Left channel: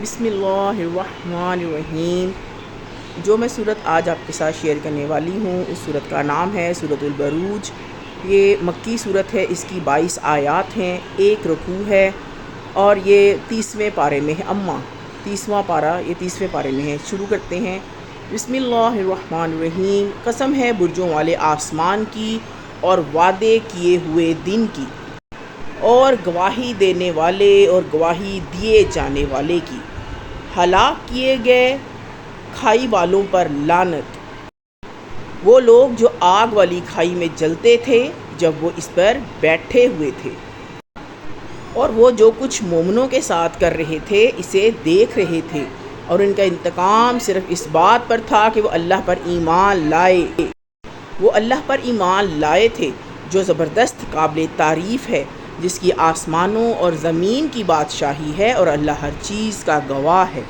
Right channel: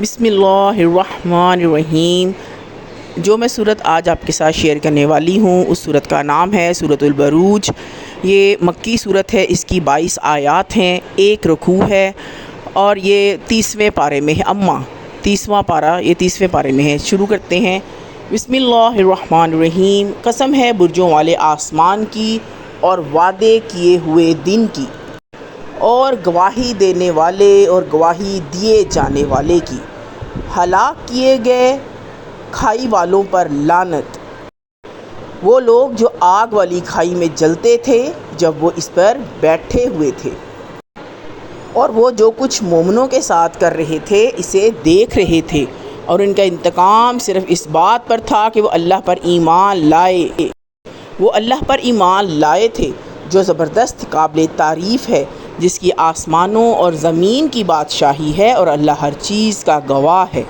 بسم اللہ الرحمن الرحیم۔ جو میں صورت آج آپ کے ساتھ شیئر کرنے والی ہوں اس صورت کا نام ہے سورۃ البروج۔ یہ مکی صورت ہے، اس کی 22 آیات ہیں، 1 رکوع ہے اور یہ 30ویں پارے میں ہے۔ 30واں پارہ یہ 30ویں پارے میں ہے۔ شروع کرتے ہیں۔ بسم اللہ الرحمن الرحیم۔ قسم ہے برجوں والے آسمان کی اور وعدے کیے ہوئے دن کی، اور گواہی دینے والے اور گواہی دیے جانے والے کی۔ ہلاک کیے گئے کھائی والوں پر لعنت، وہ لوگ جو آگ والی کھائی میں جلتے تھے جب وہ اس پر بیٹھے ہوئے تھے، اور وہ جو کچھ مومنوں کے ساتھ کر رہے تھے اسے دیکھ رہے تھے، اور ان کا انتقام صرف اس بات پر تھا کہ وہ اللہ پر ایمان لائے۔ وہ اللہ پر ایمان لائے تھے جو زبردست قابل تعریف ہے، جس کی آسمانوں اور زمین کی بادشاہی ہے، اور اللہ ہر چیز کا گواہ ہے۔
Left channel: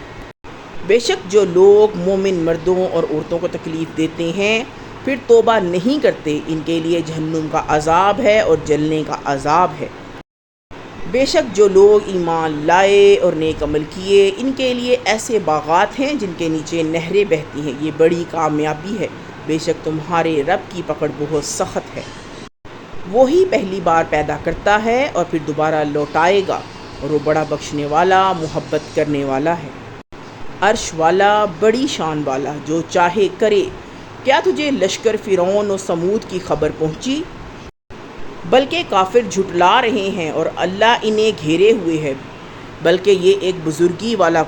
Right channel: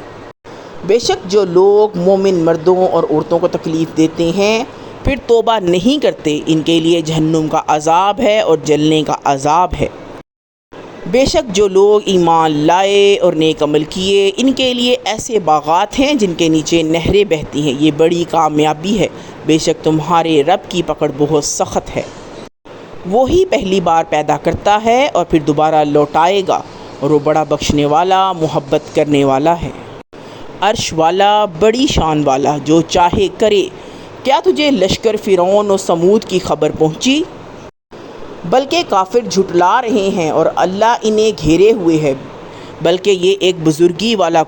بے شک جو لوگ مومن مردوں اور عورتوں کو تکلیف دیتے ہیں پھر توبہ نہیں کرتے، ان کے لیے جہنم کا عذاب ہے اور جلنے کا عذاب ہے۔ بے شک جو لوگ ایمان لائے اور نیک عمل کیے ان کے لیے ایسے باغات ہیں جن کے نیچے نہریں بہتی ہیں، یہ بڑی کامیابی ہے۔ بے شک تمہارے رب کی پکڑ بہت سخت ہے۔ وہی پہلی بار پیدا کرتا ہے اور پھر دوبارہ لوٹائے گا، اور وہ بڑا بخشنے والا محبت کرنے والا ہے۔ عرش والا بڑی شان والا جو چاہے کرے۔ کیا تجھے لشکر فرعون و سمود کی خبر پہنچی؟ بلکہ کافر جھٹلا رہے ہیں اور اللہ انہیں گھیرے ہوئے ہے۔ بلکہ یہ ایک بزرگی والا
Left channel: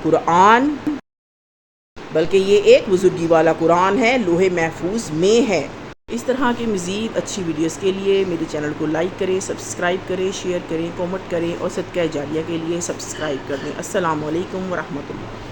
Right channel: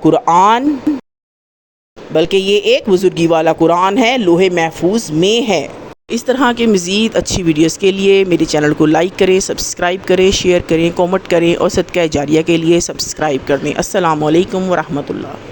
قرآن ہے، لوح محفوظ میں ہے۔ اس طرح کے مزید اچھی ویڈیوز کے لیے میرے چینل کو لائک کریں، سبسکرائب کریں، شیئر کریں، کامنٹ کریں، اور صدقہ جاریہ کے لیے سبسکرائب کر دیں۔ السلام علیکم ورحمۃ اللہ۔